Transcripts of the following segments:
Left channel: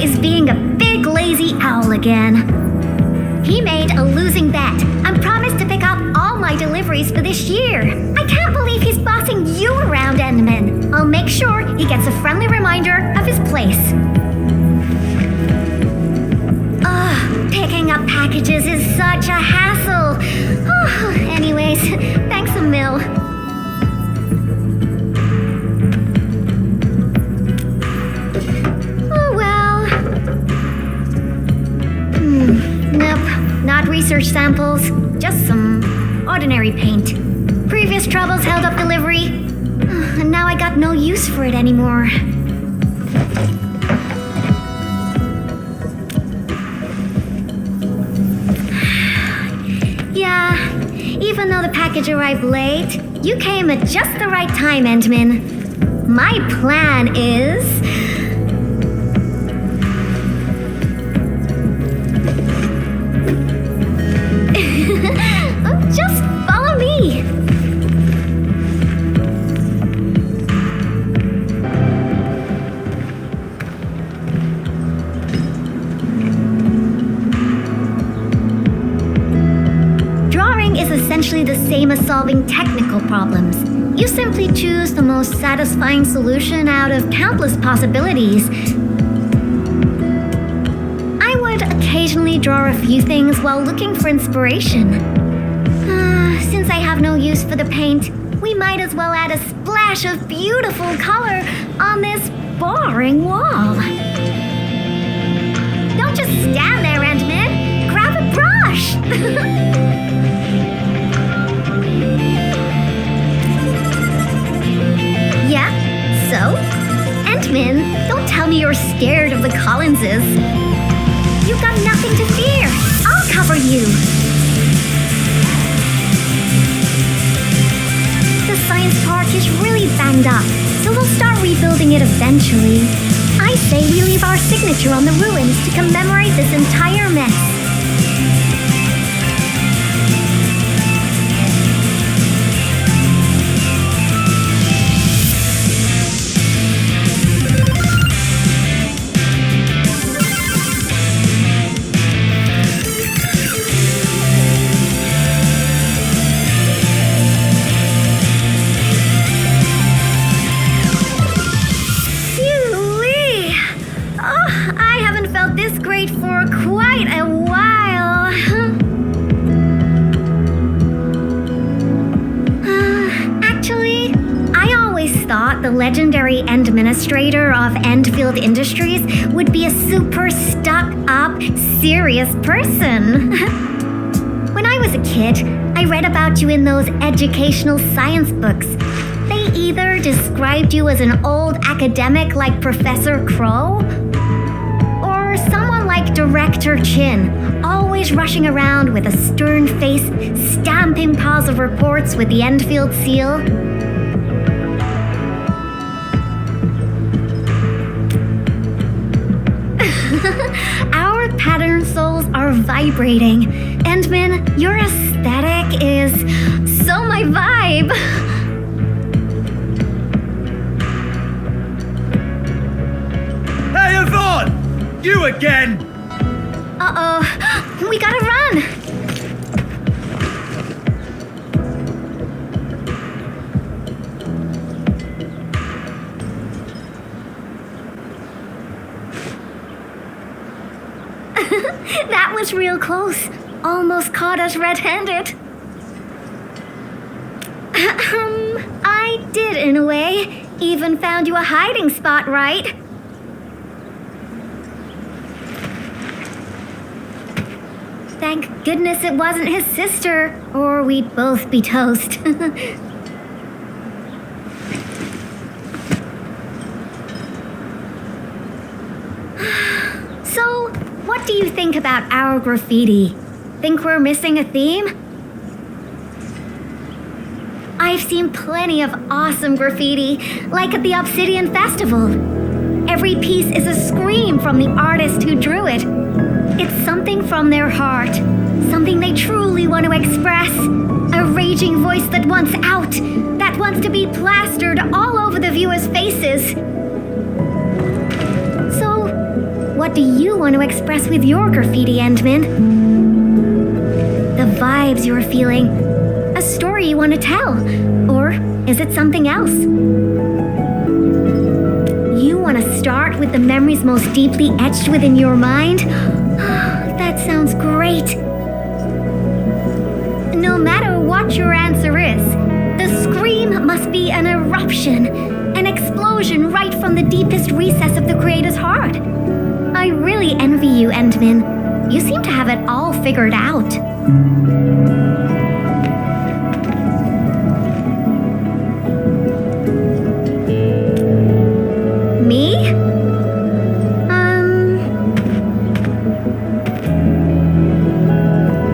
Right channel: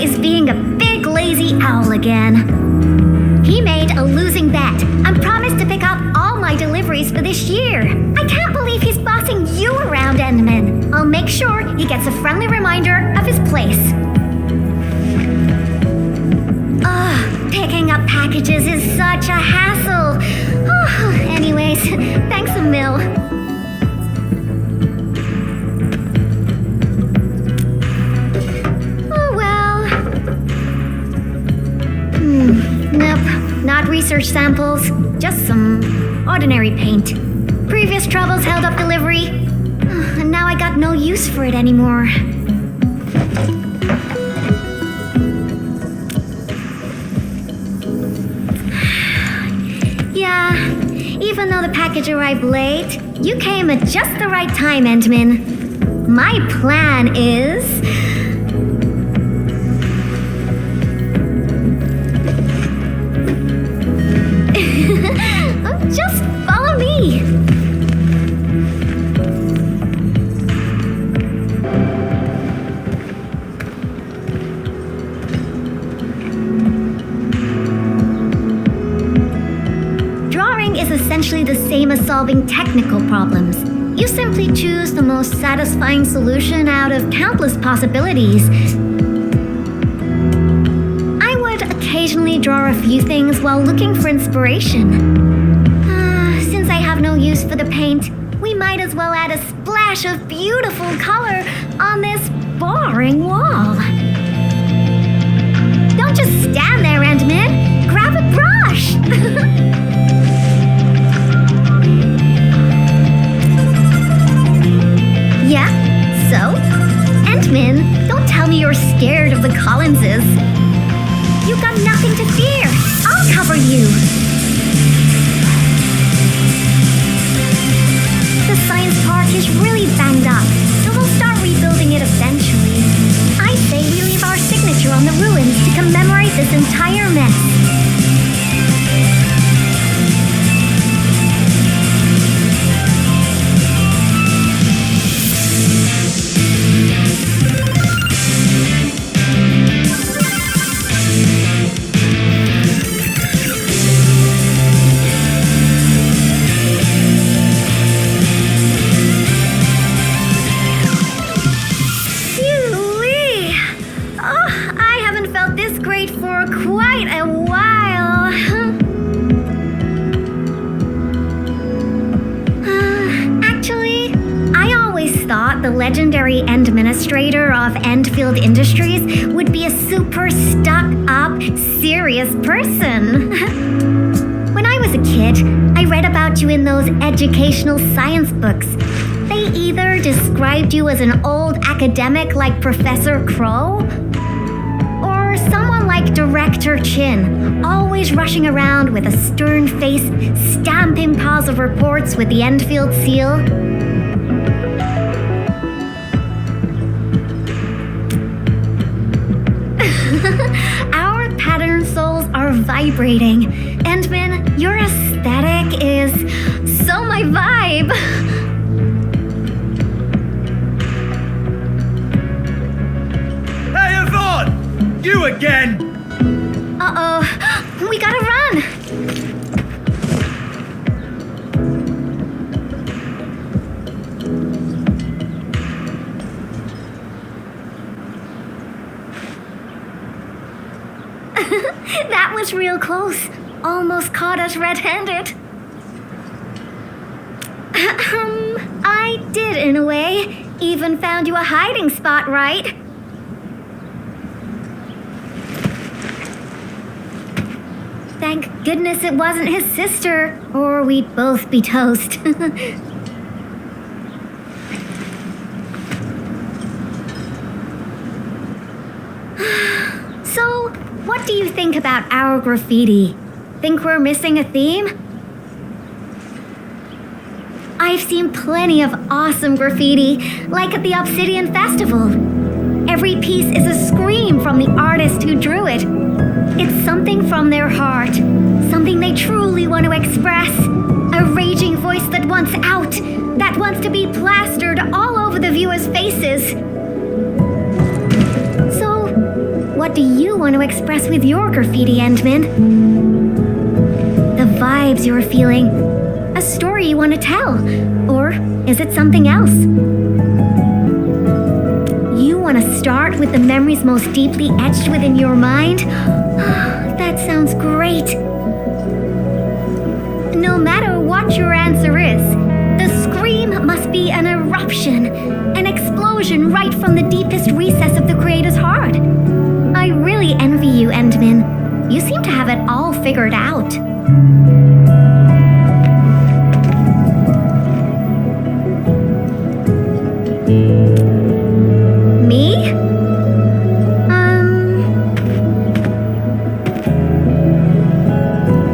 is being a big lazy owl again. He made a losing bet and promised to pick up all my deliveries for this year. I can't believe he's bossing you around, Endman. I'll make sure he gets a friendly reminder of his place. Picking up packages is such a hassle. Anyways, thanks a mil. Oh well. Nope, not research samples, just some ordinary paint. Previous troubles held up delivery, and now I got no use for it anymore. Yeah, even though the package arrived late, you came at just the right time, Endman. My plan is... just follow me. Drawing is essentially the same as solving technical problems. You simply choose the most satisfying solution out of countless possibilities. I would occasionally draw a few things while looking for inspiration. Since I have no use for the paint, we might as well add a splash of beautiful color on this boring wall. Don't just stand there, Endman. Grab a brush. Yeah, so? Endman, don't tell me you're scared of the Collinses. You've got nothing to fear. I'll cover you. The science park is really banged up, so we'll start rebuilding it eventually. I say we leave our signature on the ruins to commemorate this entire mess. For quite a while. Actually, I always thought the legendary administrator of Endfield Industries would be a super stuck-up, serious person. When I was a kid, I read about you in those educational science books. They either described you as an old academic like Professor Crow, or someone like Director Chin, always rushing around with a stern face, stamping piles of reports with the Endfield seal. Our pattern souls are vibrating. Endman, your aesthetic is so my vibe. Hey, Yvonne! You again! Uh-oh, we gotta run! That was real close. Almost caught us red-handed. I did in a way. Even found you a hiding spot, right? Thank goodness it wasn't his sister, or we'd both be toast. So, what do you think about our graffiti? Think we're missing a theme? I've seen plenty of awesome graffiti, like at the Obsidian Festival. Every piece is a scream from the artist who drew it. It's something from their heart, something they truly want to express. A raging voice that wants out, that wants to be plastered all over the viewers' faces. So, what what do you want to express with your graffiti, Endman? The vibes you're feeling? A story you want to tell? Or is it something else? You want to start with the memories most deeply etched within your mind? That sounds great. No matter what your answer is, the scream must be an eruption, an explosion right from the deepest recess of the creator's heart. I really envy you, Endman. You seem to have it all figured out. Me?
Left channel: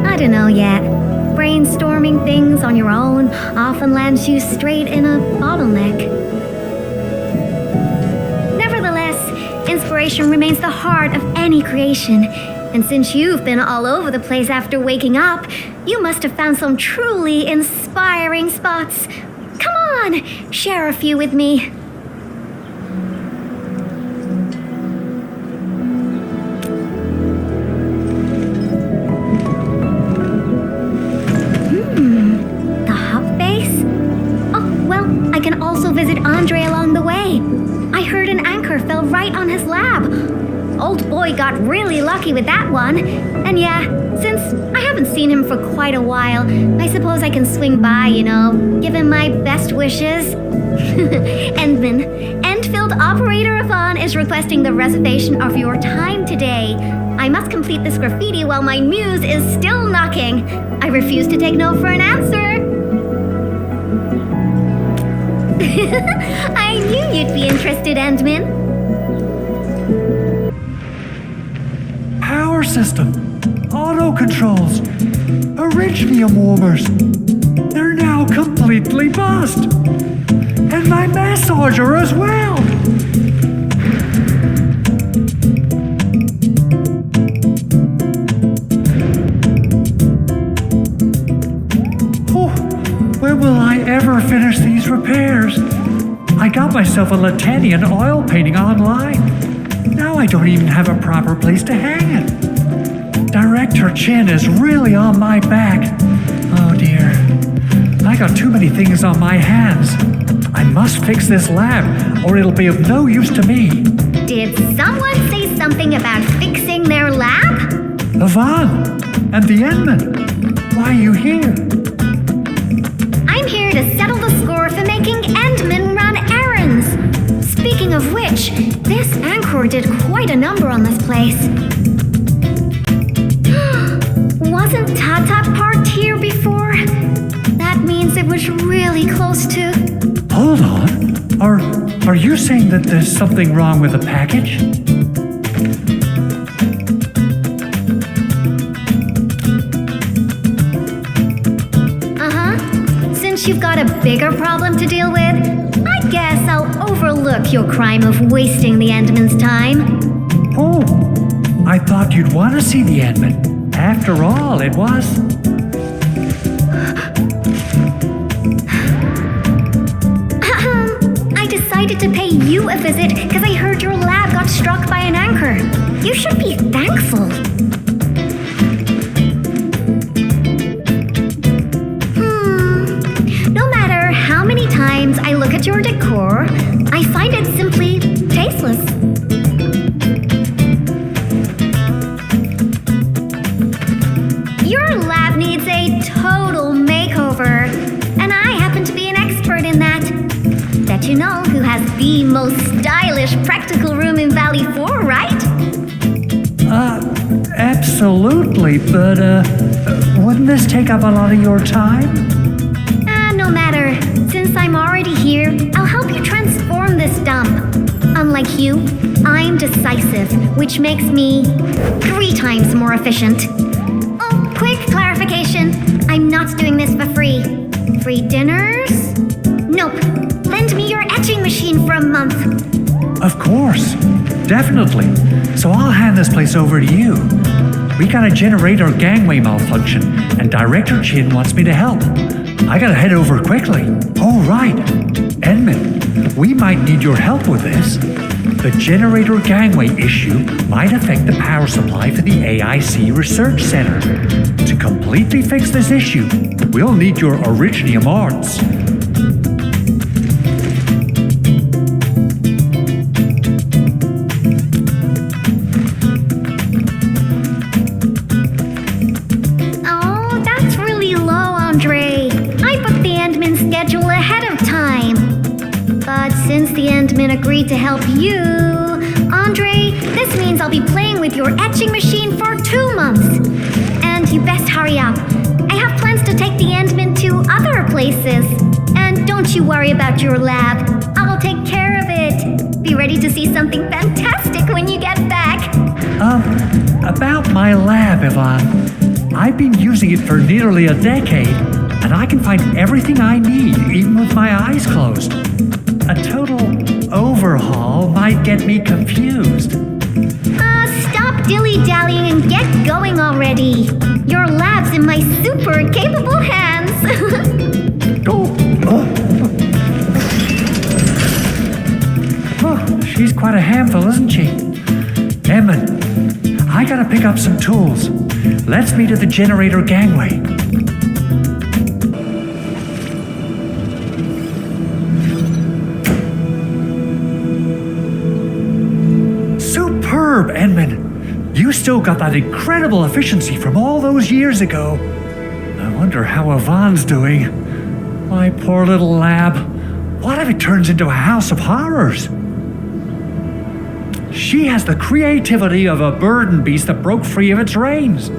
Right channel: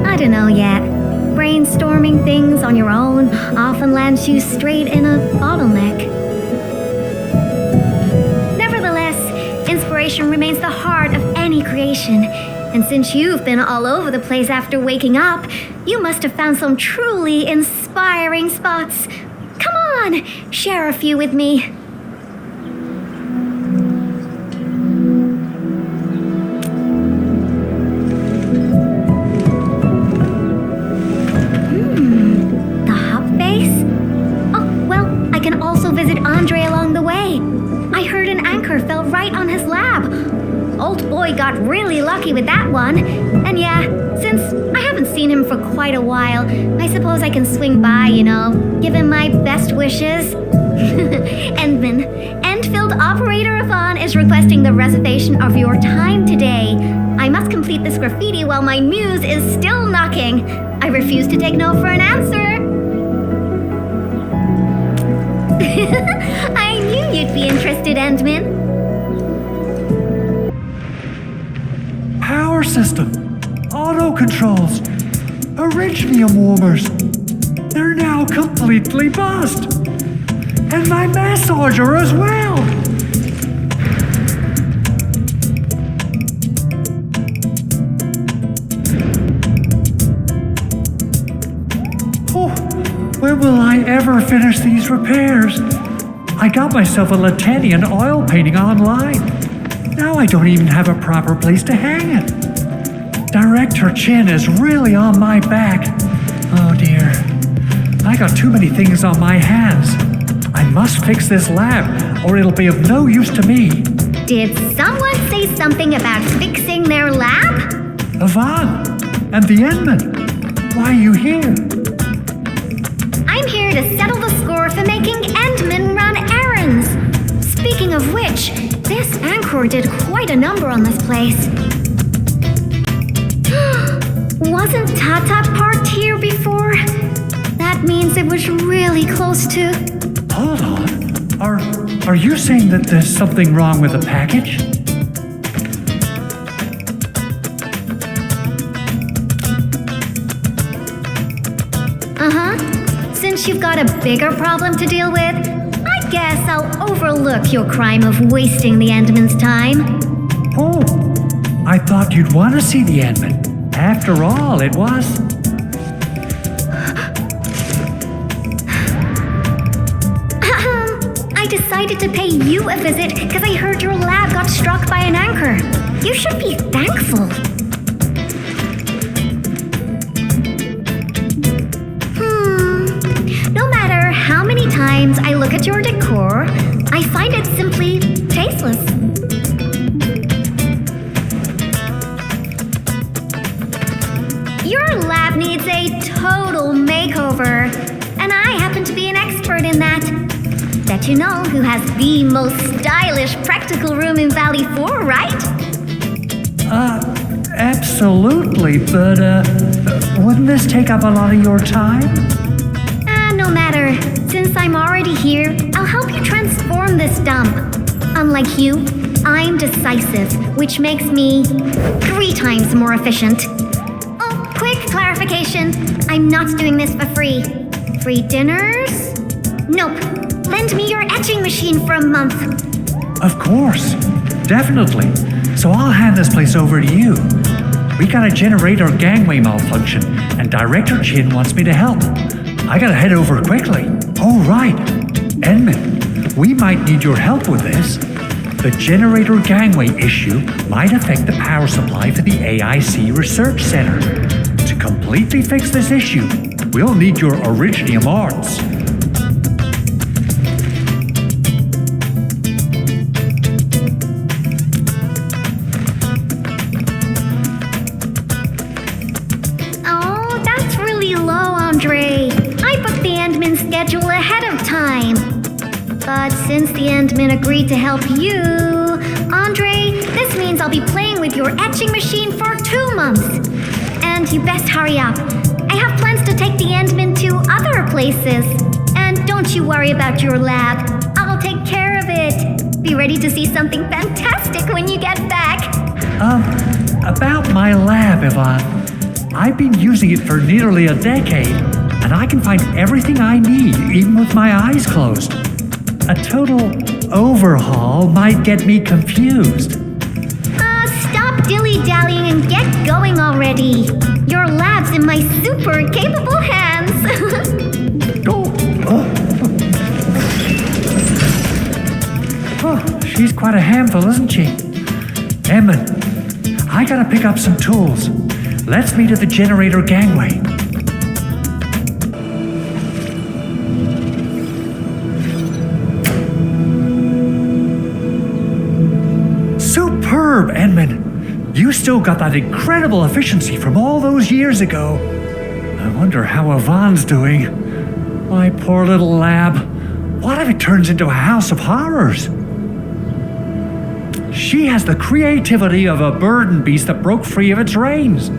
I don't know yet. Brainstorming things on your own often lands you straight in a bottleneck. Nevertheless, inspiration remains the heart of any creation. And since you've been all over the place after waking up, you must have found some truly inspiring spots. Come on, share a few with me. The hub base? Oh, well, I can also visit Andre along the way. I heard an anchor fell right on his lab. Old boy got really lucky with that one. And yeah, since I haven't seen him for quite a while, I suppose I can swing by, give him my best wishes. Endman, Endfield operator Yvonne is requesting the reservation of your time today. I must complete this graffiti while my muse is still knocking. I refuse to take no for an answer. I knew you'd be interested, Endman. Power system, auto controls, Originium warmers. They're now completely buzzed. And my massager as well. When will I ever finish these repairs? I got myself a Latanian oil painting online. Now I don't even have a proper place to hang it. Director Chin is really on my back. Oh dear. I got too many things on my hands. I must fix this lab, or it'll be of no use to me. Did someone say something about fixing their lab? Yvonne, and the Endman. Why are you here? I'm here to settle the score for making Endman run errands. Speaking of which, this anchor did quite a number on this place. Wasn't Tata parked here before? That means it was really close to... Hold on. Are you saying that there's something wrong with the package? Since you've got a bigger problem to deal with, I guess I'll overlook your crime of wasting the Endman's time. Oh, I thought you'd want to see the Endman. After all, it was... I decided to pay you a visit because I heard your lab got struck by an anchor. You should be thankful. No matter how many times I look at your decor, I find it simply tasteless. Your lab needs a total makeover, and I happen to be an expert in that. Bet you know who has the most stylish practical room in Valley 4, right? Absolutely, but, wouldn't this take up a lot of your time? No matter. Since I'm already here, I'll help you transform this dump. Unlike you, I'm decisive, which makes me 3 times more efficient. Oh, quick clarification. I'm not doing this for free. Free dinners? Nope. Lend me your etching machine for a month. Of course. Definitely. So I'll hand this place over to you. We got a generator gangway malfunction, and Director Chin wants me to help. I gotta head over quickly. Oh, right. Endman, we might need your help with this. The generator gangway issue might affect the power supply for the AIC Research Center. To completely fix this issue, we'll need your Originium arts. Oh, that's really low, Andre. I booked the Endman schedule ahead of time. But since the Endman agreed to help you, Andre, this means I'll be playing with your etching machine for 2 months. And you best hurry up. I have plans to take the Endman to other places. And don't you worry about your lab. I'll take care of it. Be ready to see something fantastic when you get back. About my lab, Yvonne. I've been using it for nearly a decade, and I can find everything I need, even with my eyes closed. A total overhaul might get me confused. Stop dilly-dallying and get going already. Your lab's in my super capable hands. She's quite a handful, isn't she? Edmund, I gotta pick up some tools. Let's meet at the generator gangway. Superb, Edmund. You still got that incredible efficiency from all those years ago. I wonder how Yvonne's doing. My poor little lab. What if it turns into a house of horrors? She has the creativity of a burden beast that broke free of its reins.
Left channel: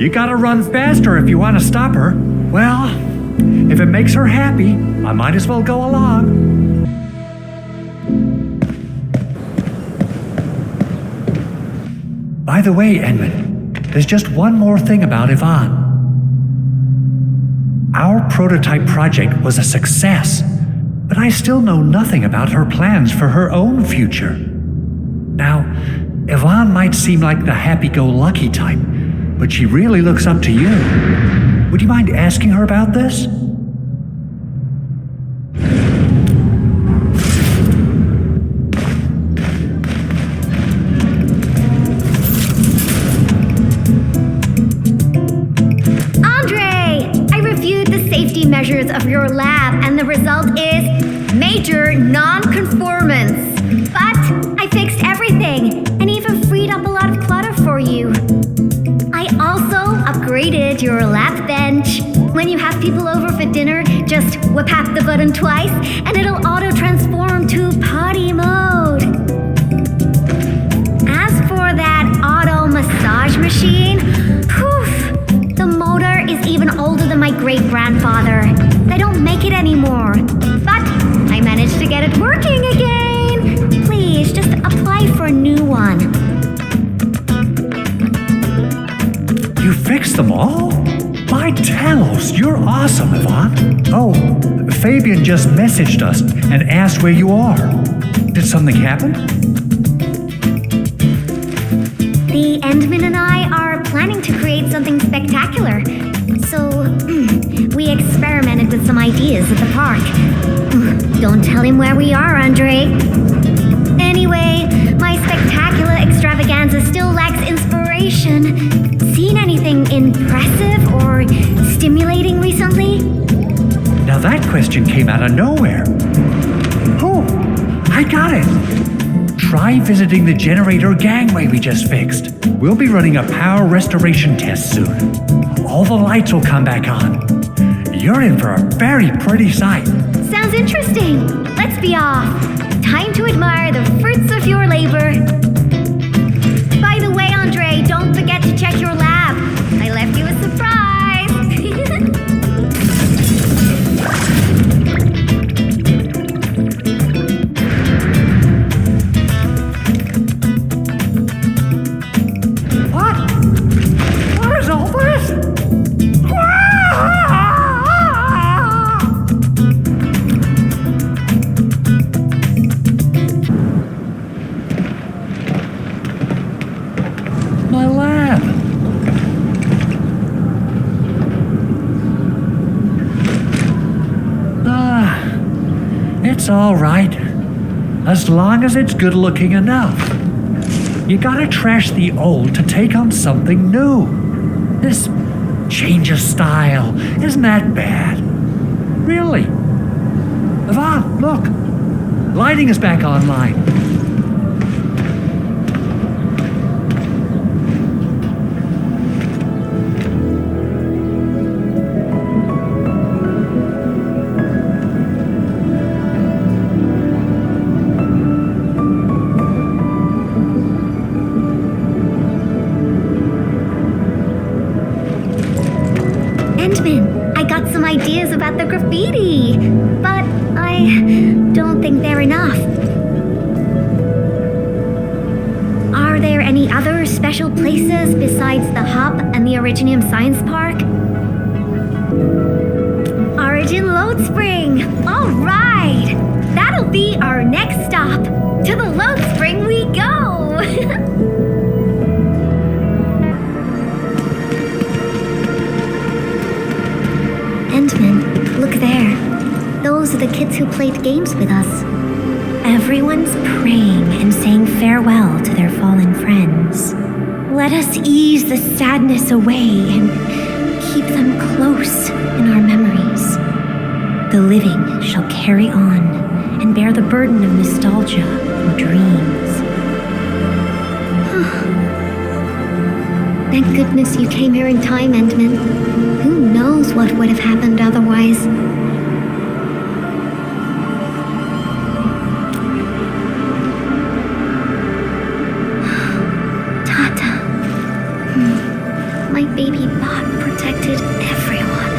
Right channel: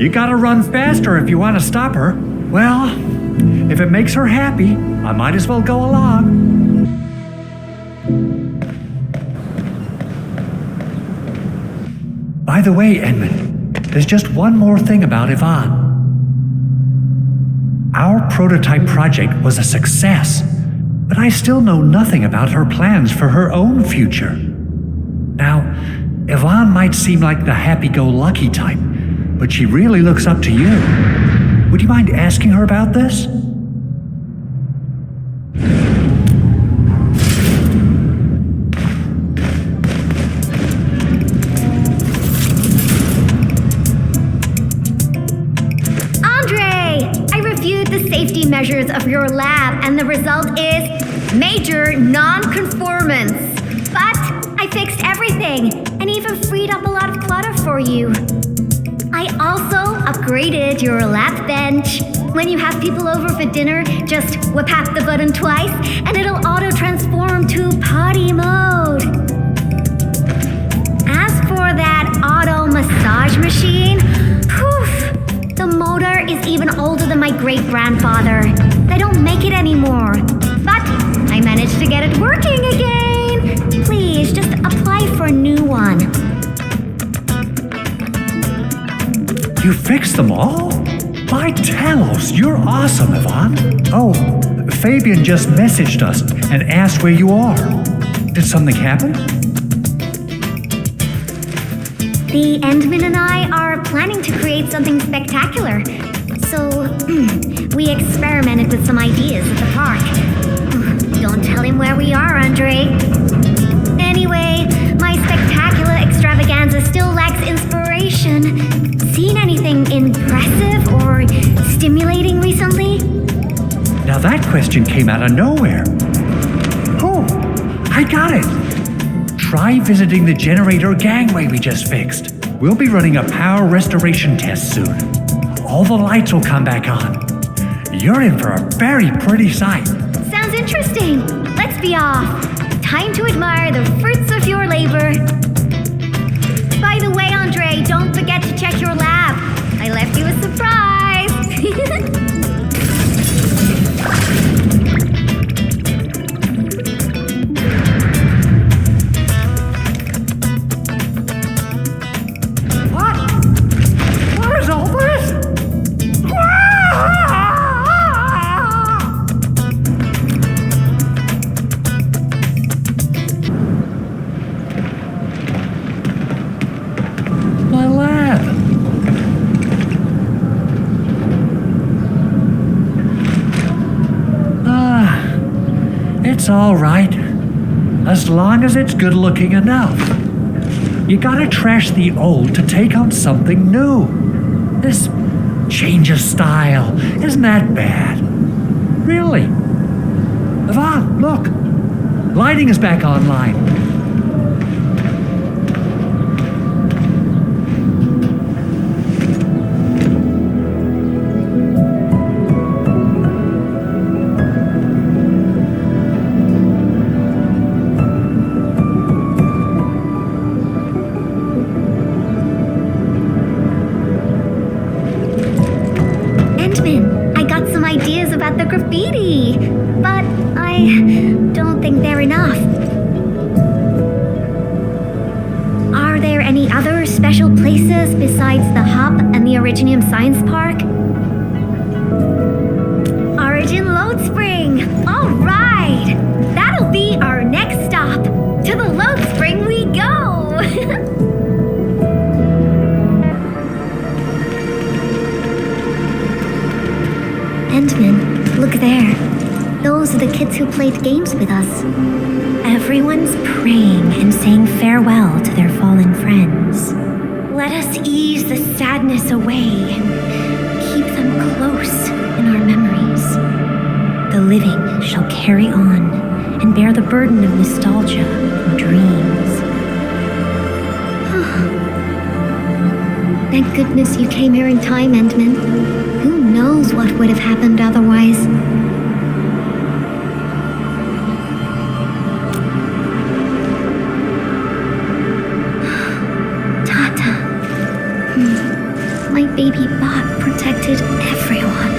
You gotta run faster if you want to stop her. Well, if it makes her happy, I might as well go along. By the way, Edmund, there's just one more thing about Yvonne. Our prototype project was a success, but I still know nothing about her plans for her own future. Now, Yvonne might seem like the happy-go-lucky type, but she really looks up to you. Would you mind asking her about this? Measures of your lab, and the result is major non-conformance. But I fixed everything and even freed up a lot of clutter for you. I also upgraded your lab bench. When you have people over for dinner, just tap the button twice and it'll auto-transform to party mode. As for that auto massage machine, poof! The motor is even older than my great-grandfather. They don't make it anymore. But I managed to get it working again. Please, just apply for a new one. You fixed them all? By Talos, you're awesome, Yvonne. Oh, Fabian just messaged us and asked where you are. Did something happen? The Endman and I are planning to create something spectacular. So, we experimented with some ideas at the park. Don't tell him where we are, Andre. Anyway, my spectacular extravaganza still lacks inspiration. Seen anything impressive or stimulating recently? Now that question came out of nowhere. Oh, I got it. Try visiting the generator gangway we just fixed. We'll be running a power restoration test soon. All the lights will come back on. You're in for a very pretty sight. Sounds interesting. Let's be off. Time to admire the fruits of your labor. By the way, Andre, don't forget to check your lab. I left you a surprise. My lab. It's all right. as long as it's good looking enough. You gotta trash the old to take on something new. This change of style isn't that bad. Really. Yvonne, look. Lighting is back online. I got some ideas about the graffiti, but I don't think they're enough. Are there any other special places besides the Hub and the Originium Science Park? Origin Load Spring! All right! That'll be our next stop. To the Load Spring we go! Endman, look there. Those are the kids who played games with us. Everyone's praying and saying farewell to their fallen friends. Let us ease the sadness away and keep them close in our memories. The living shall carry on and bear the burden of nostalgia and dreams. Thank goodness you came here in time, Endman. Who knows what would have happened otherwise? Tata. My baby bot protected everyone.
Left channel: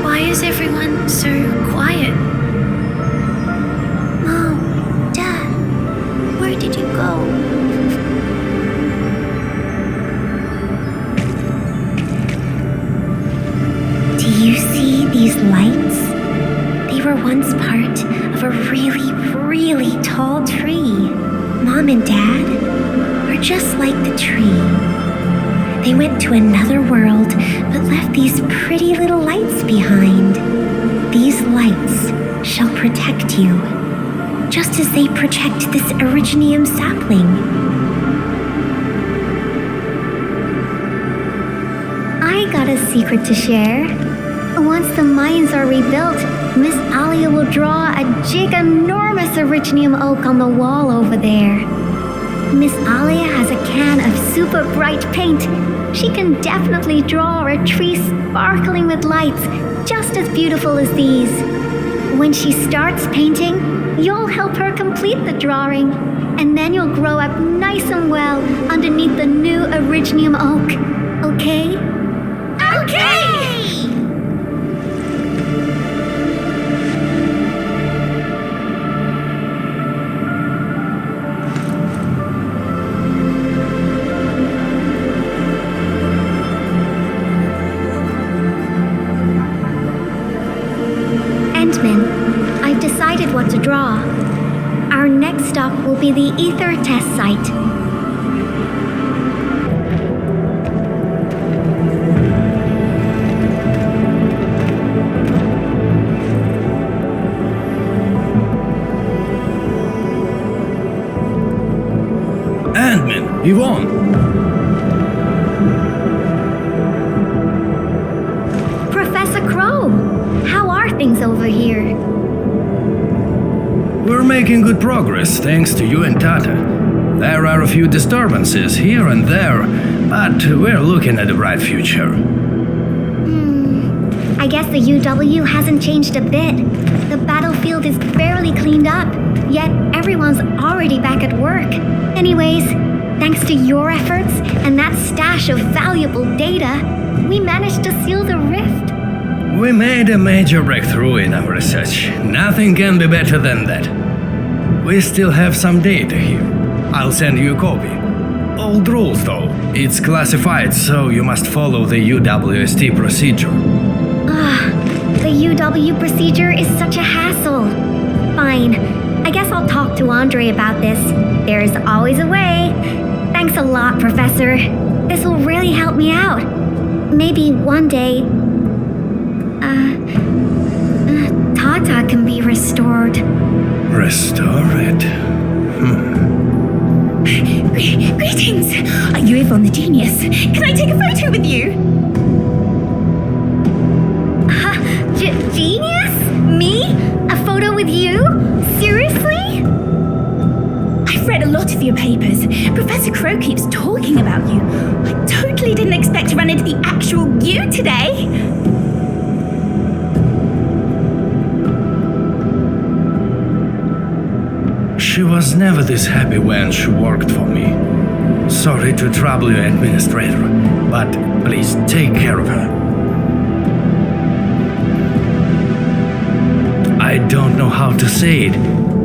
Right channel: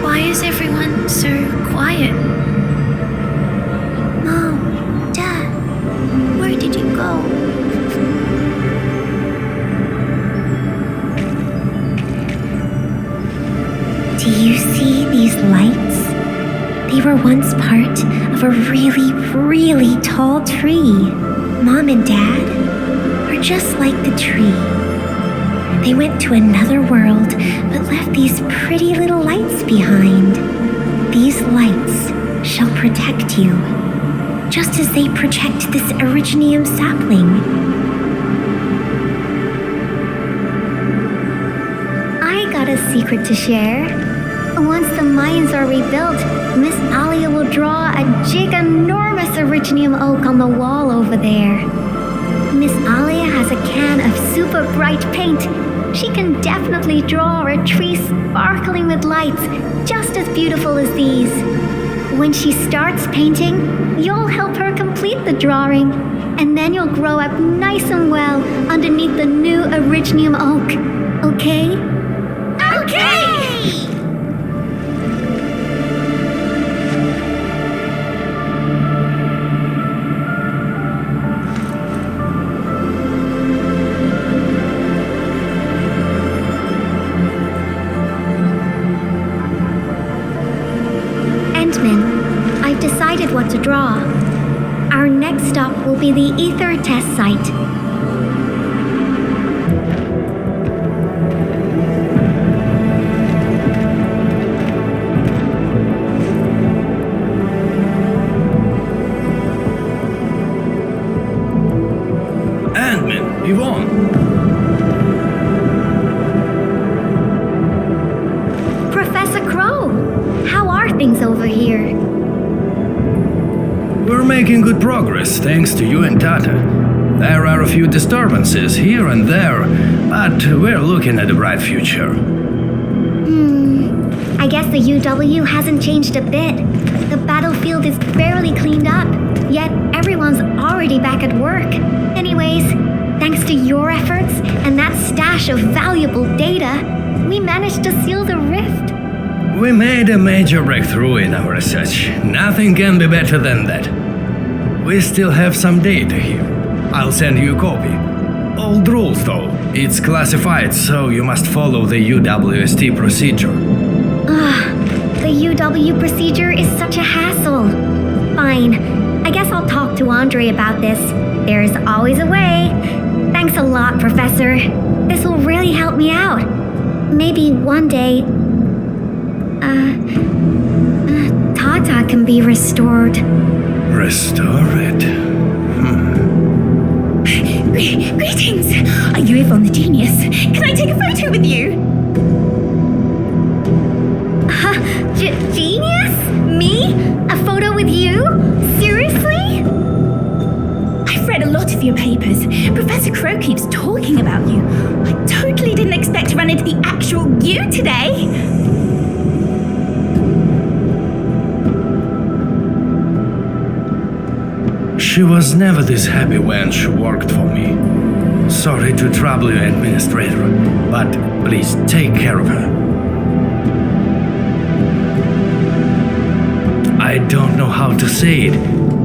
Why is everyone so quiet? Mom, Dad, where did you go? Do you see these lights? They were once part of a really, really tall tree. Mom and Dad are just like the tree. They went to another world, but left these pretty little lights behind. These lights shall protect you, just as they protect this Originium sapling. I got a secret to share. Once the mines are rebuilt, Miss Alia will draw a giganormous Originium oak on the wall over there. Miss Alia has a can of super bright paint. She can definitely draw a tree sparkling with lights just as beautiful as these. When she starts painting, you'll help her complete the drawing, and then you'll grow up nice and well underneath the new Originium oak. Okay? Okay! Endman, I've decided what to draw. Our next stop will be the Ether test site. Endman, Yvonne. Professor Crow, how are things over here? We're making good progress thanks to you and Tata. There are a few disturbances here and there, but we're looking at a bright future. I guess the UW hasn't changed a bit. The battlefield is barely cleaned up, yet everyone's already back at work. Anyways, thanks to your efforts and that stash of valuable data, we managed to seal the rift. We made a major breakthrough in our research. Nothing can be better than that. We still have some data here. I'll send you a copy. Old rules though. It's classified, so you must follow the UWST procedure. The UW procedure is such a hassle. Fine, I guess I'll talk to Andre about this. There's always a way. Thanks a lot, Professor. This will really help me out. Maybe one day, Tata can be restored. Restore it? Greetings! Are you Yvonne the Genius? Can I take a photo with you? Genius? Me? A photo with you? Seriously? I've read a lot of your papers. Professor Crow keeps talking about you. I totally didn't expect to run into the actual you today. She was never this happy when she worked for me. Sorry to trouble you, Administrator, but please take care of her. I don't know how to say it,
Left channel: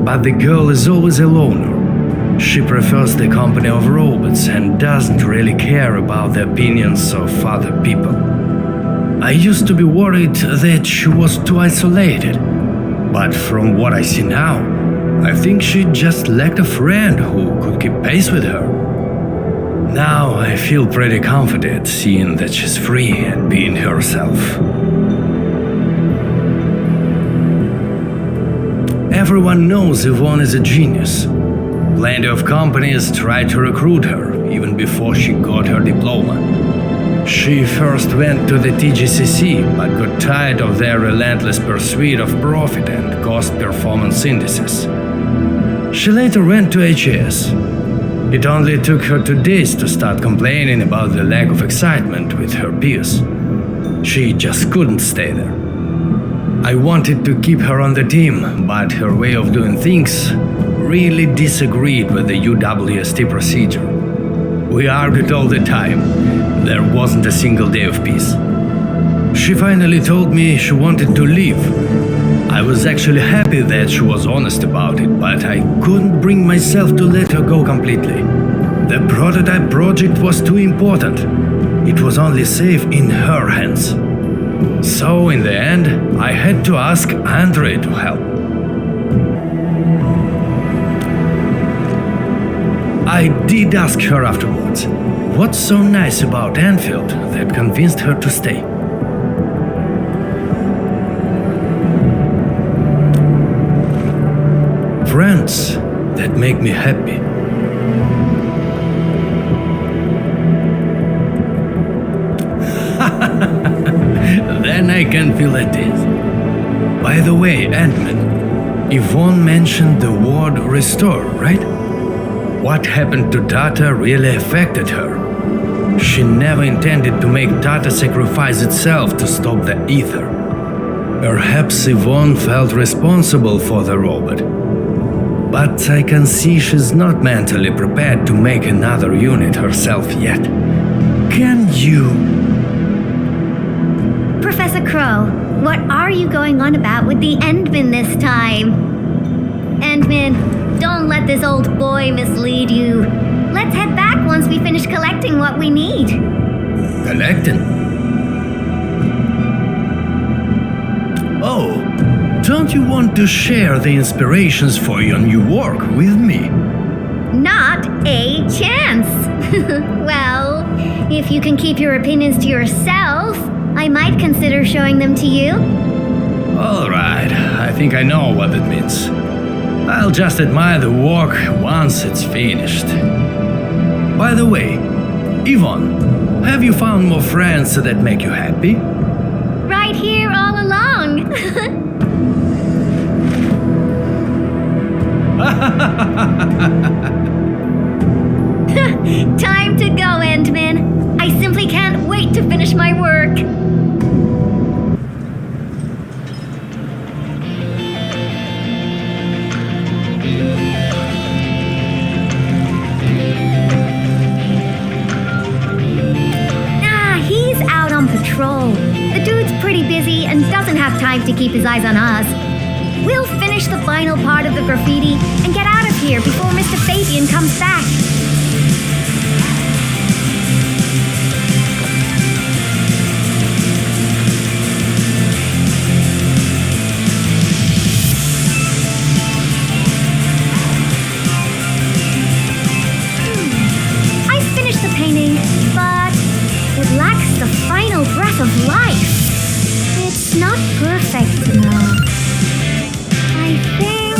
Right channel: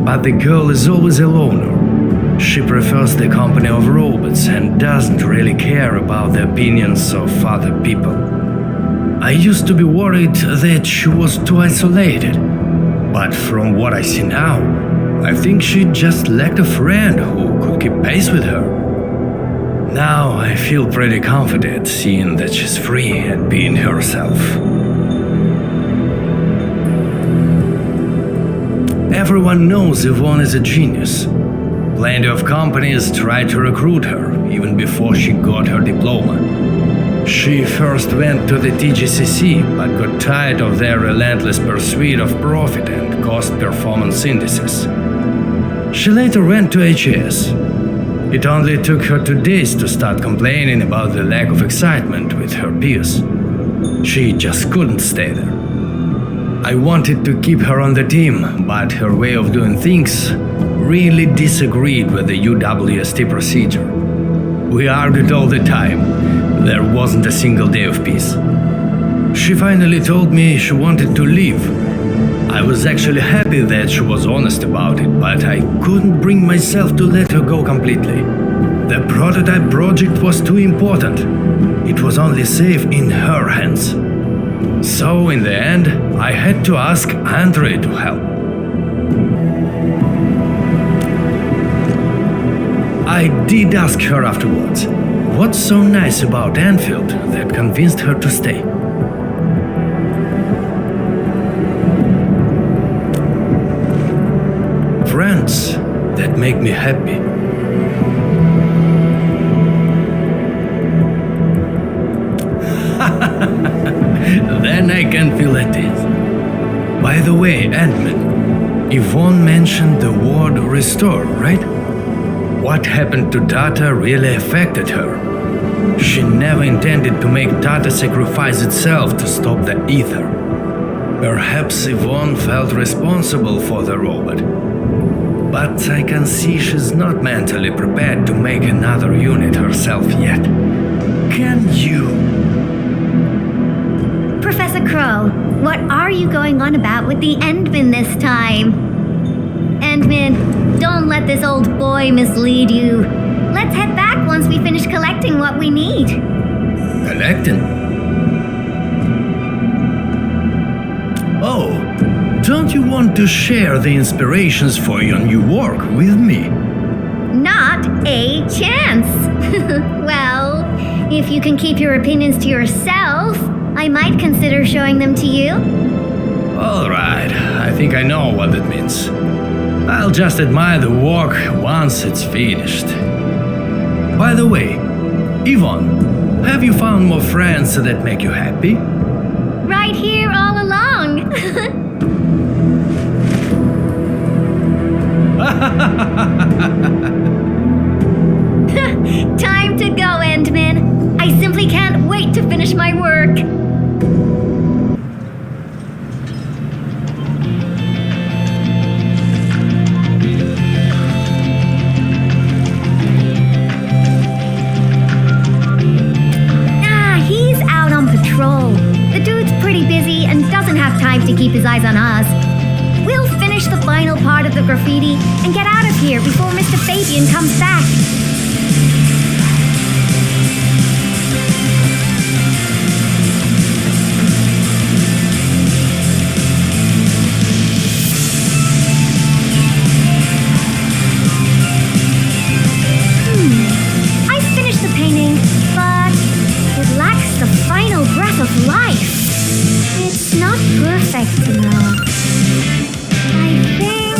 but the girl is always a loner. She prefers the company of robots and doesn't really care about the opinions of other people. I used to be worried that she was too isolated, but from what I see now, I think she just lacked a friend who could keep pace with her. Now I feel pretty confident seeing that she's free and being herself. Everyone knows Yvonne is a genius. Plenty of companies tried to recruit her, even before she got her diploma. She first went to the TGCC, but got tired of their relentless pursuit of profit and cost performance indices. She later went to HES. It only took her 2 days to start complaining about the lack of excitement with her peers. She just couldn't stay there. I wanted to keep her on the team, but her way of doing things really disagreed with the UWST procedure. We argued all the time. There wasn't a single day of peace. She finally told me she wanted to leave. I was actually happy that she was honest about it, but I couldn't bring myself to let her go completely. The prototype project was too important. It was only safe in her hands. So in the end, I had to ask Andre to help. I did ask her afterwards, what's so nice about Endfield that convinced her to stay? Friends that make me happy. Then I can feel at ease. By the way, Ant-Man, Yvonne mentioned the word restore, right? What happened to Tata really affected her. She never intended to make Tata sacrifice itself to stop the ether. Perhaps Yvonne felt responsible for the robot. But I can see she's not mentally prepared to make another unit herself yet. Can you? Professor Crow, what are you going on about with the Endman this time? Endman, don't let this old boy mislead you. Let's head back once we finish collecting what we need. Collecting? Oh, don't you want to share the inspirations for your new work with me? Not a chance. Well, if you can keep your opinions to yourself, I might consider showing them to you. All right, I think I know what it means. I'll just admire the work once it's finished. By the way, Yvonne, have you found more friends that make you happy? Right here all along. Time to go, Endman. I simply can't wait to finish my work. He's out on patrol. The dude's pretty busy and doesn't have time to keep his eyes on us. We'll finish the final part of the graffiti and get out of here before Mr. Fabian comes back. lacks the final breath of life. It's not perfect, no. I think...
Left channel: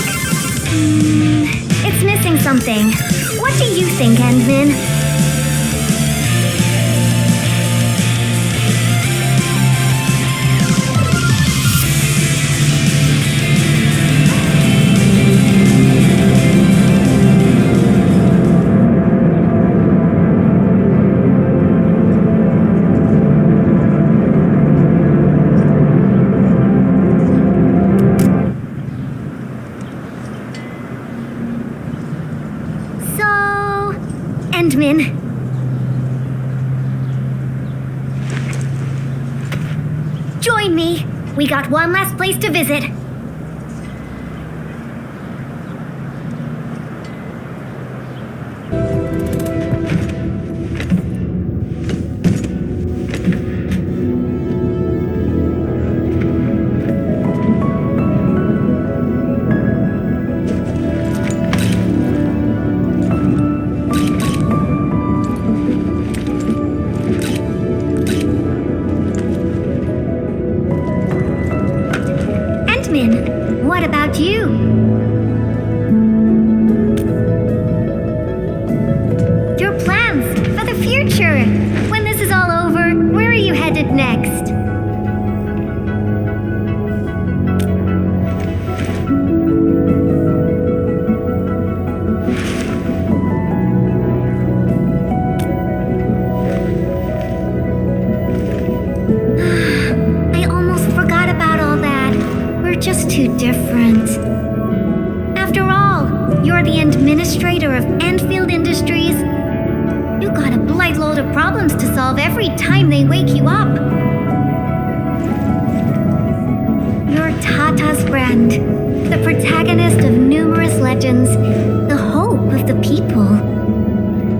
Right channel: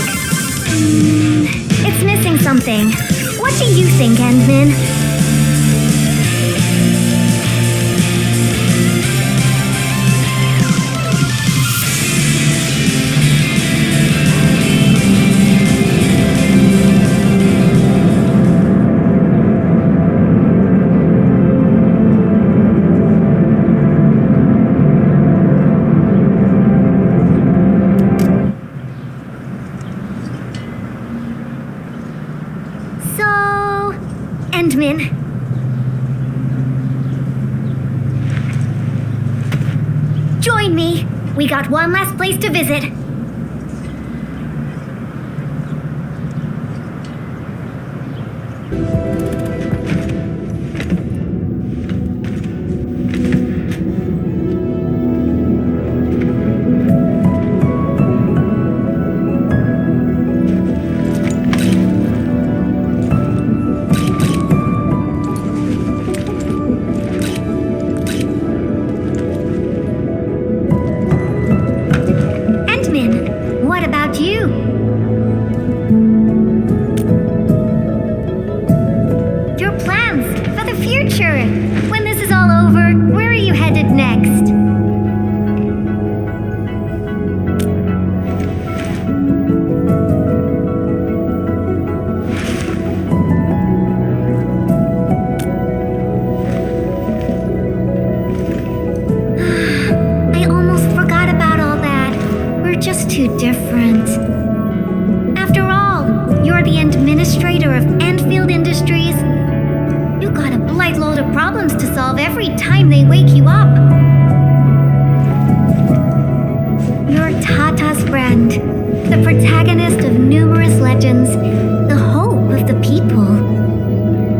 it's missing something. What do you think, Endman? Endman. Join me. We got one last place to visit. What about you? Your plans for the future. When this is all over, where are you headed next? I almost forgot about all that. We're just too different. After all, you're the administrator of Endfield Industries. You got a blight load of problems to solve every time they wake you up. You're Tata's friend, the protagonist of numerous legends, the hope of the people.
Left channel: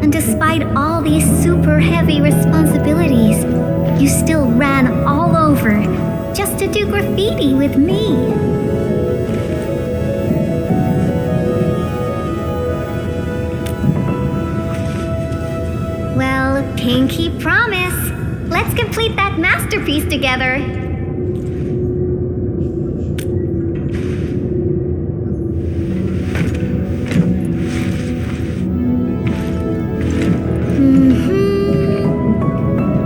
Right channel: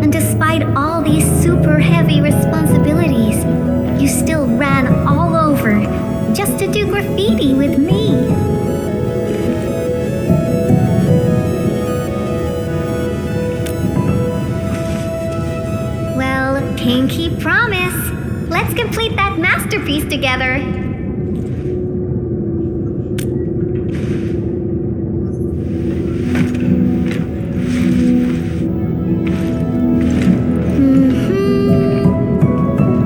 And despite all these super heavy responsibilities, you still ran all over just to do graffiti with me. Well, pinky promise. Let's complete that masterpiece together.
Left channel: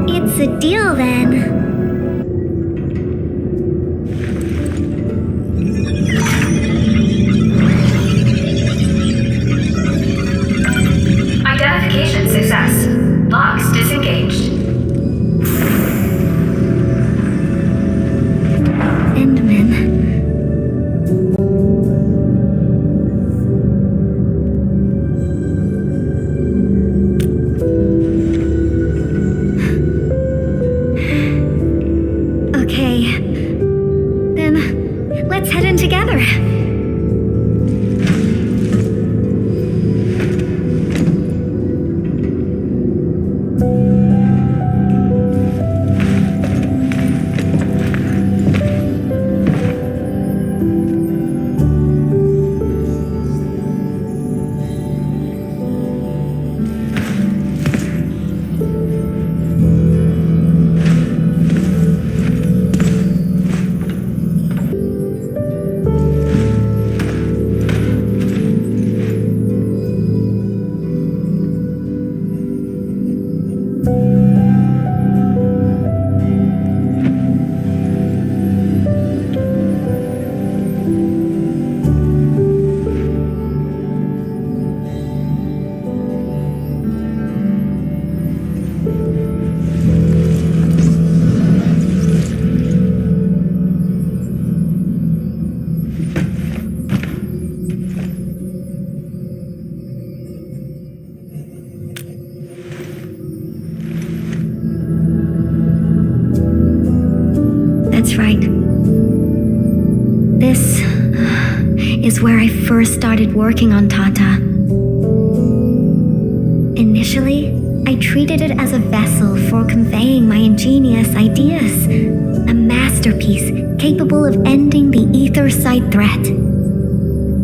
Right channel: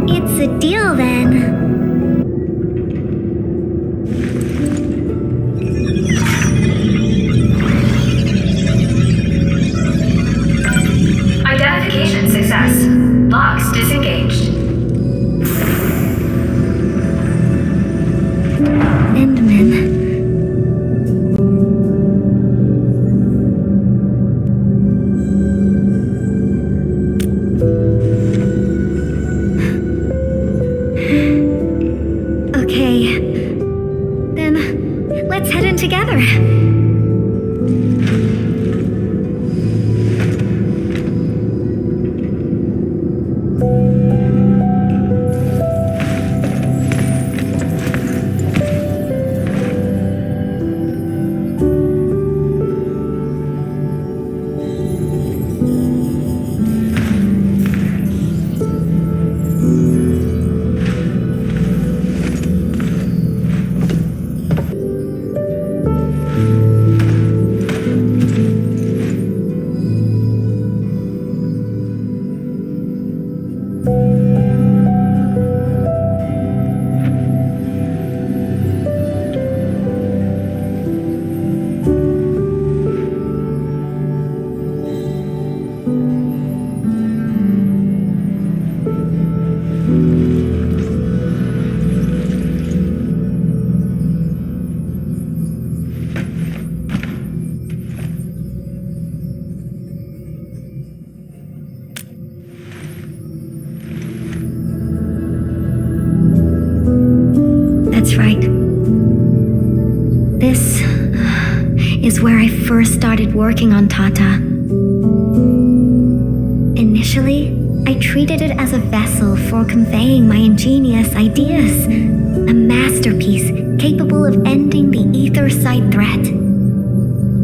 It's a deal then. Identification success. Locks disengaged. Endman. Okay. Then, let's head in together. That's right. This is where I first started working on Tata. Initially, I treated it as a vessel for conveying my ingenious ideas, a masterpiece capable of ending the ether side threat.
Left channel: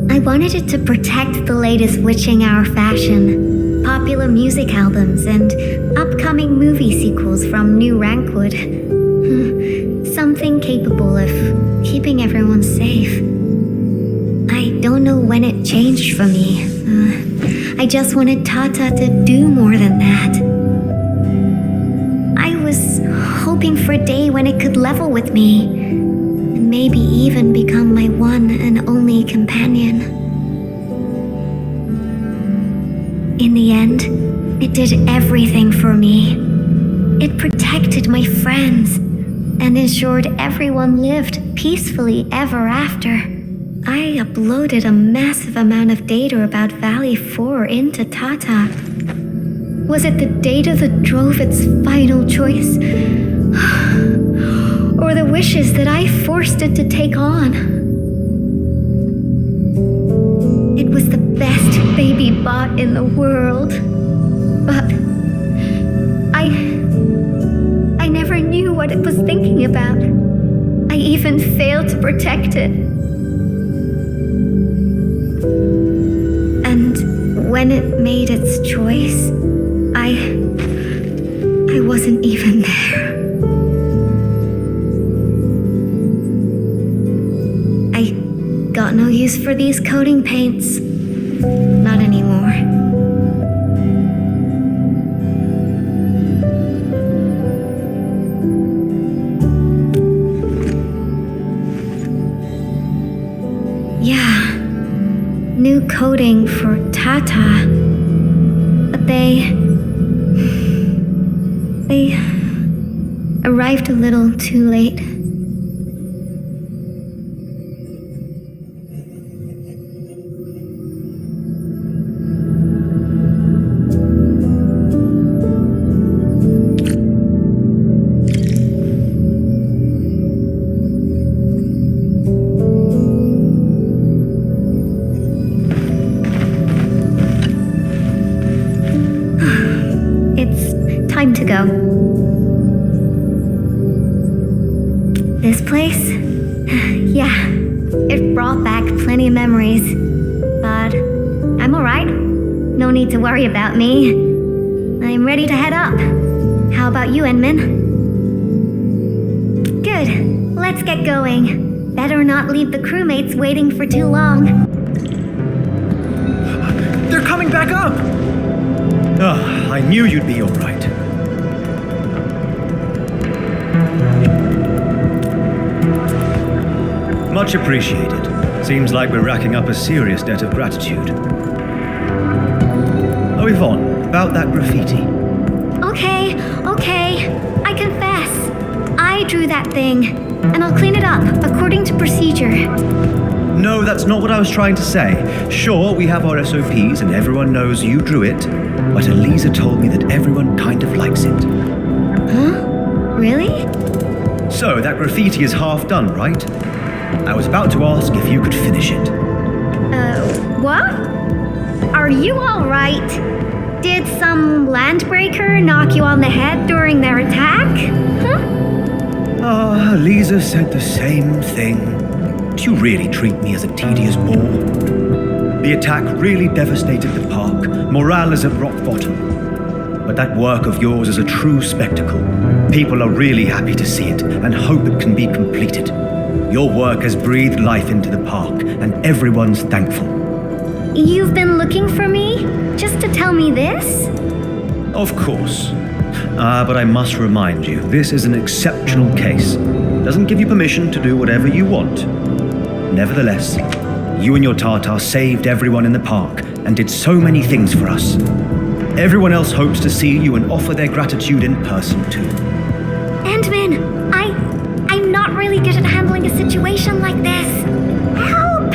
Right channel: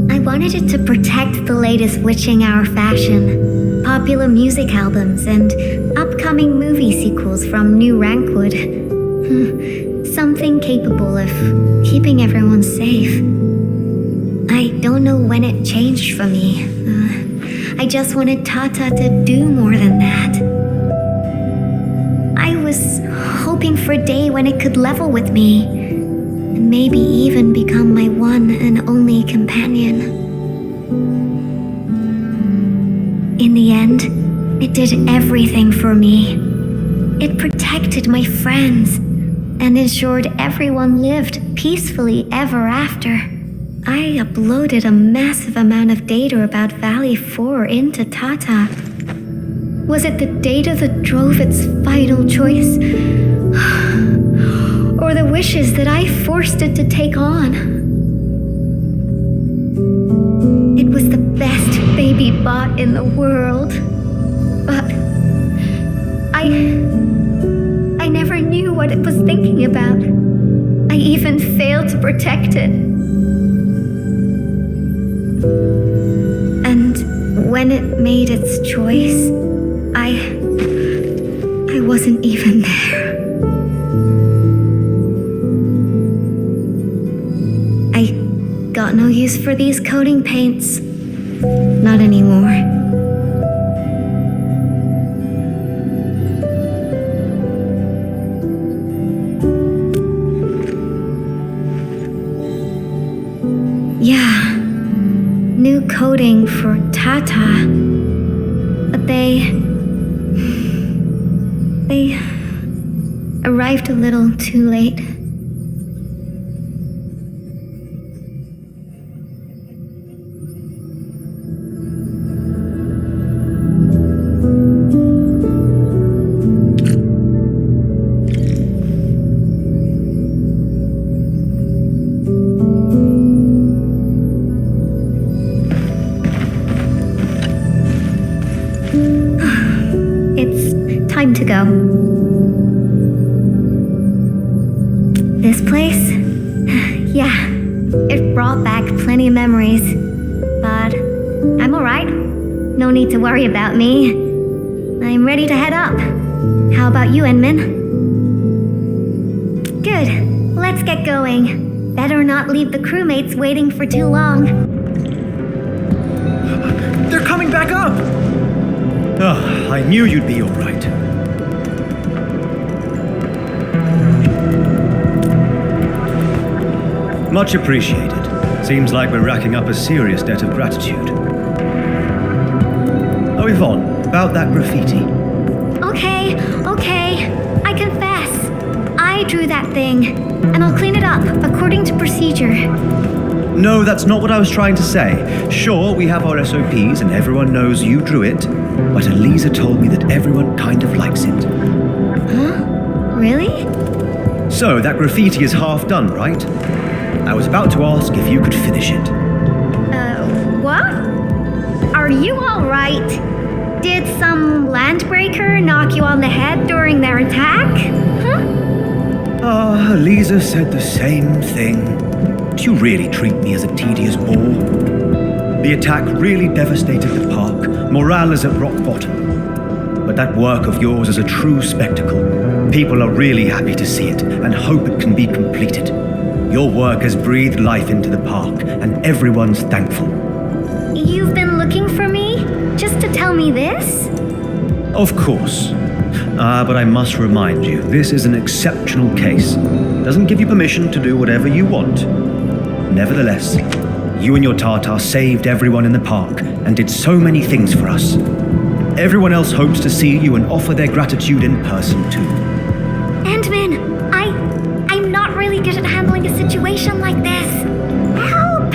I wanted it to protect the latest witching hour fashion, popular music albums and upcoming movie sequels from New Rankwood. Something capable of keeping everyone safe. I don't know when it changed for me. I just wanted Tata to do more than that. I was hoping for a day when it could level with me, and maybe even become my one and only companion. In the end, it did everything for me. It protected my friends and ensured everyone lived peacefully ever after. I uploaded a massive amount of data about Valley 4 into Tata. Was it the data that drove its final choice? Or the wishes that I forced it to take on? It was the best baby bot in the world. But I never knew what it was thinking about. I even failed to protect it. And when it made its choice, I wasn't even there. I got no use for these coating paints. Not anymore. Yeah, new coating for Tata. But they arrived a little too late. It's time to go. This place? Yeah, it brought back plenty of memories. But I'm alright. No need to worry about me. I'm ready to head up. How about you, Enman? Good. Let's get going. Better not leave the crewmates waiting for too long. They're coming back up! Ah, I knew you'd be all right. Much appreciated. Seems like we're racking up a serious debt of gratitude. Oh, Yvonne, about that graffiti. Okay. I confess. I drew that thing, and I'll clean it up according to procedure. No, that's not what I was trying to say. Sure, we have our SOPs and everyone knows you drew it, but Elisa told me that everyone kind of likes it. Huh? Really? So, that graffiti is half done, right? I was about to ask if you could finish it. What? Are you alright? Did some landbreaker knock you on the head during their attack? Huh? Ah, Elisa said the same thing. Do you really treat me as a tedious bore? The attack really devastated the park. Morale is at rock bottom. But that work of yours is a true spectacle. People are really happy to see it and hope it can be completed. Your work has breathed life into the park, and everyone's thankful. You've been looking for me? Just to tell me this? Of course. But I must remind you, this is an exceptional case. Doesn't give you permission to do whatever you want. Nevertheless, you and your Tartar saved everyone in the park and did so many things for us. Everyone else hopes to see you and offer their gratitude in person too. Endman, I'm not really good at handling a situation like this. Help!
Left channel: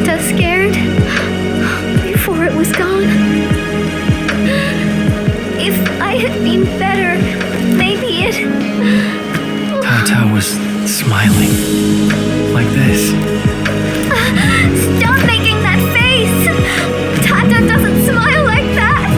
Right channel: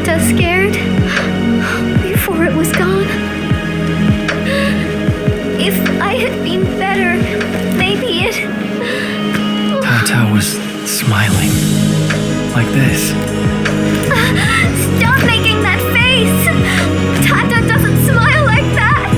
Tata scared before it was gone. If I had been better, maybe it... Tata was smiling. Like this. Stop making that face! Tata doesn't smile like that!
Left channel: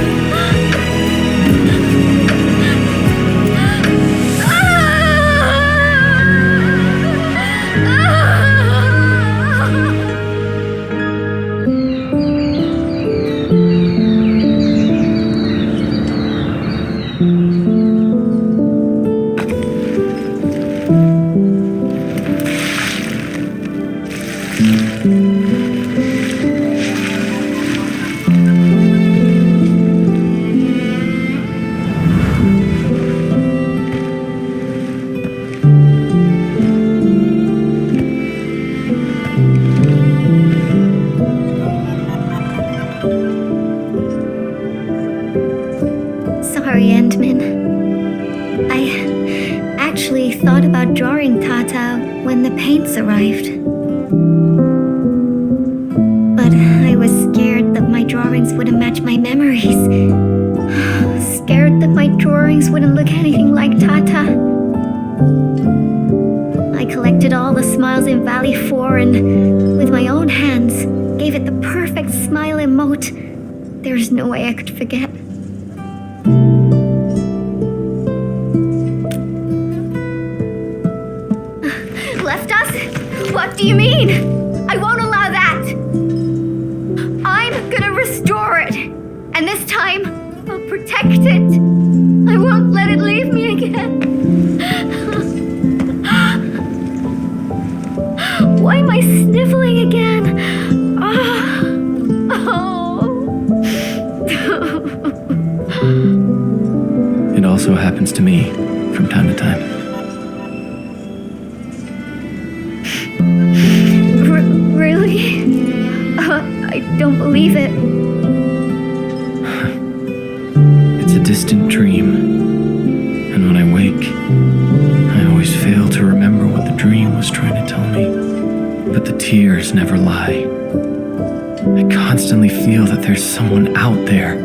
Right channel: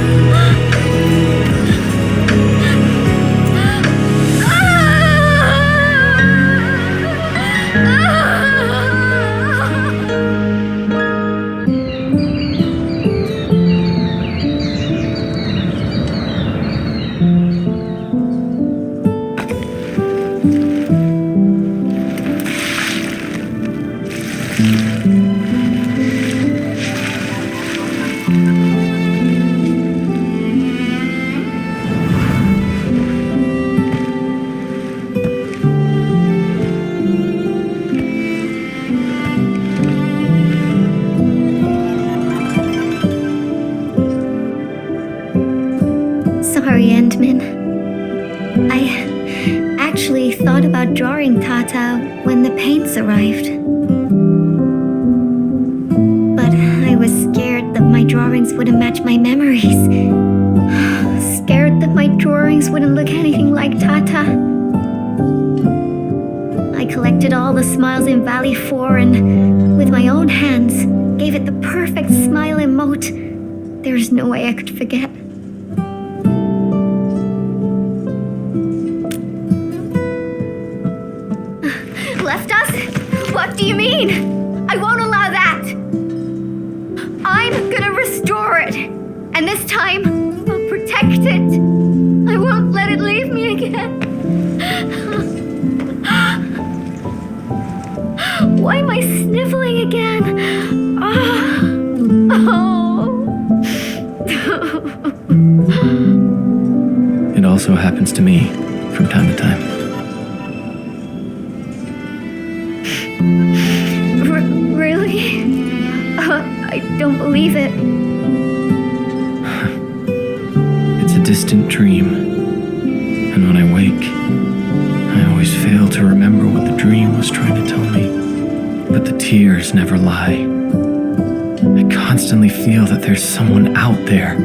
Sorry, Endman. I actually thought about drawing Tata when the paints arrived. But I was scared that my drawings wouldn't match my memories. Scared that my drawings wouldn't look anything like Tata. I collected all the smiles in Valley 4 and, with my own hands, gave it the perfect smile emote. There's no way I could forget. Left us? What do you mean? I won't allow that! I'm gonna restore it! And this time, I'll protect it! I won't let it leave me again! Why am I sniffling again? It also happens to me from time to time. Really? I don't believe it. It's a distant dream. And when I wake, I always fail to remember what the dream was trying to tell me. But the tears never lie. I constantly feel that there's someone out there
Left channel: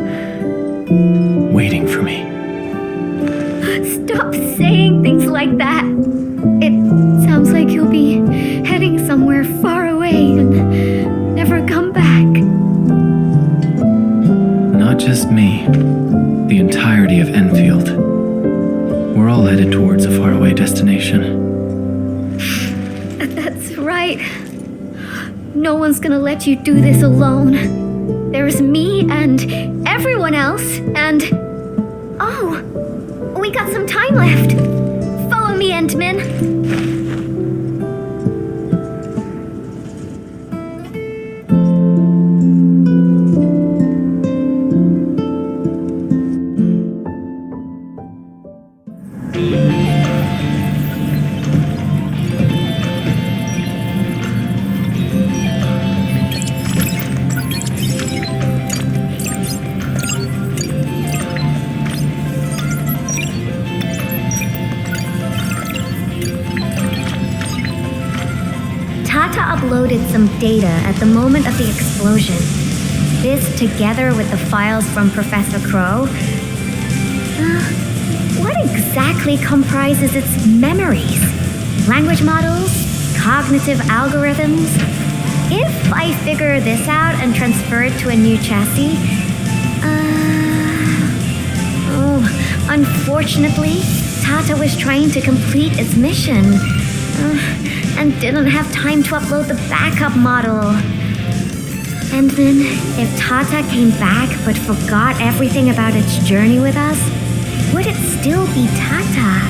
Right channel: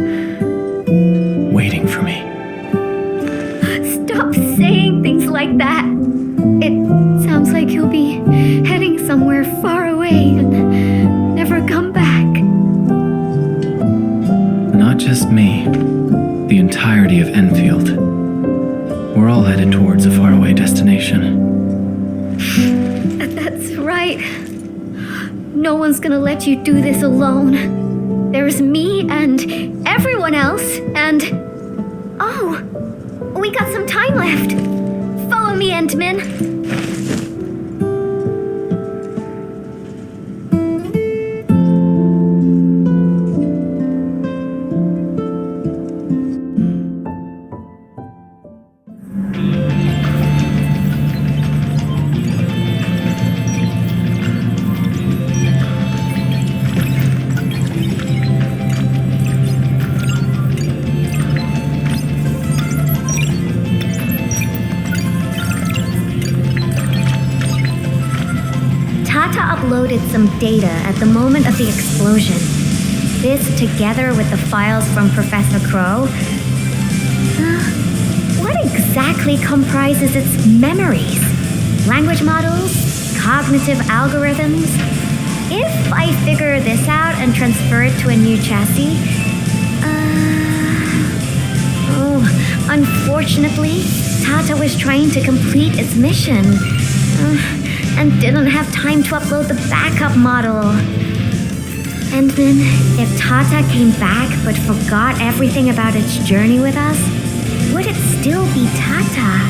waiting for me. Stop saying things like that. It sounds like you'll be heading somewhere far away and never come back. Not just me. The entirety of Endfield. We're all headed towards a faraway destination. That's right. No one's gonna let you do this alone. There's me and everyone else and... Oh, we got some time left. Follow me, Endman. Tata uploaded some data at the moment of the explosion. This, together with the files from Professor Crow, what exactly comprises its memories? Language models? Cognitive algorithms? If I figure this out and transfer it to a new chassis, unfortunately, Tata was trying to complete its mission. And didn't have time to upload the backup model. And then, if Tata came back but forgot everything about its journey with us, would it still be Tata?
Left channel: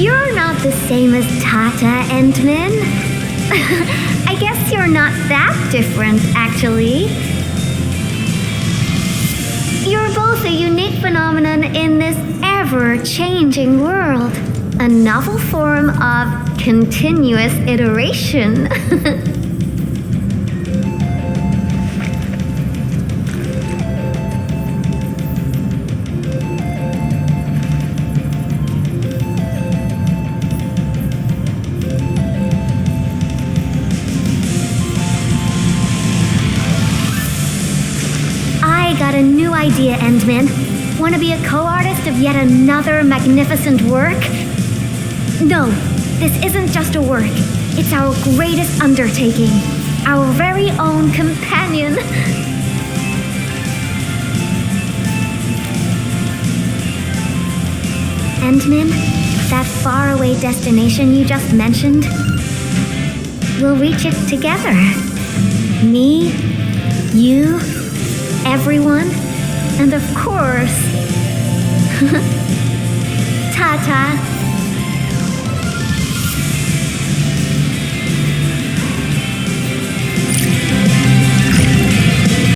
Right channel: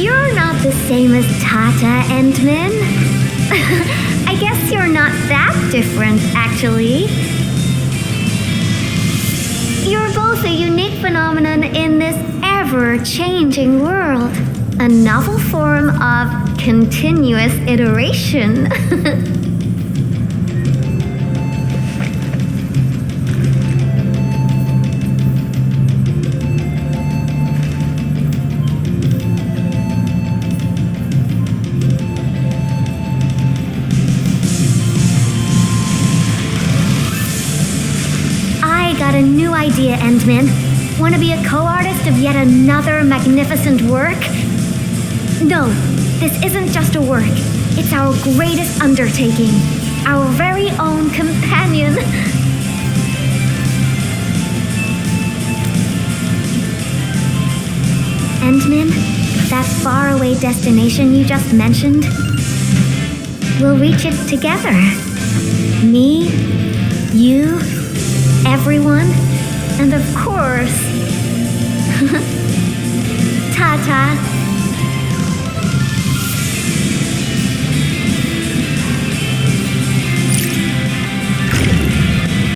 You're not the same as Tata, Endman. I guess you're not that different, actually. You're both a unique phenomenon in this ever-changing world. A novel form of continuous iteration. I got a new idea, Endman. Want to be a co-artist of yet another magnificent work? No, this isn't just a work. It's our greatest undertaking. Our very own companion. Endman, that faraway destination you just mentioned, we'll reach it together. Me, you, everyone, and of course, Tata.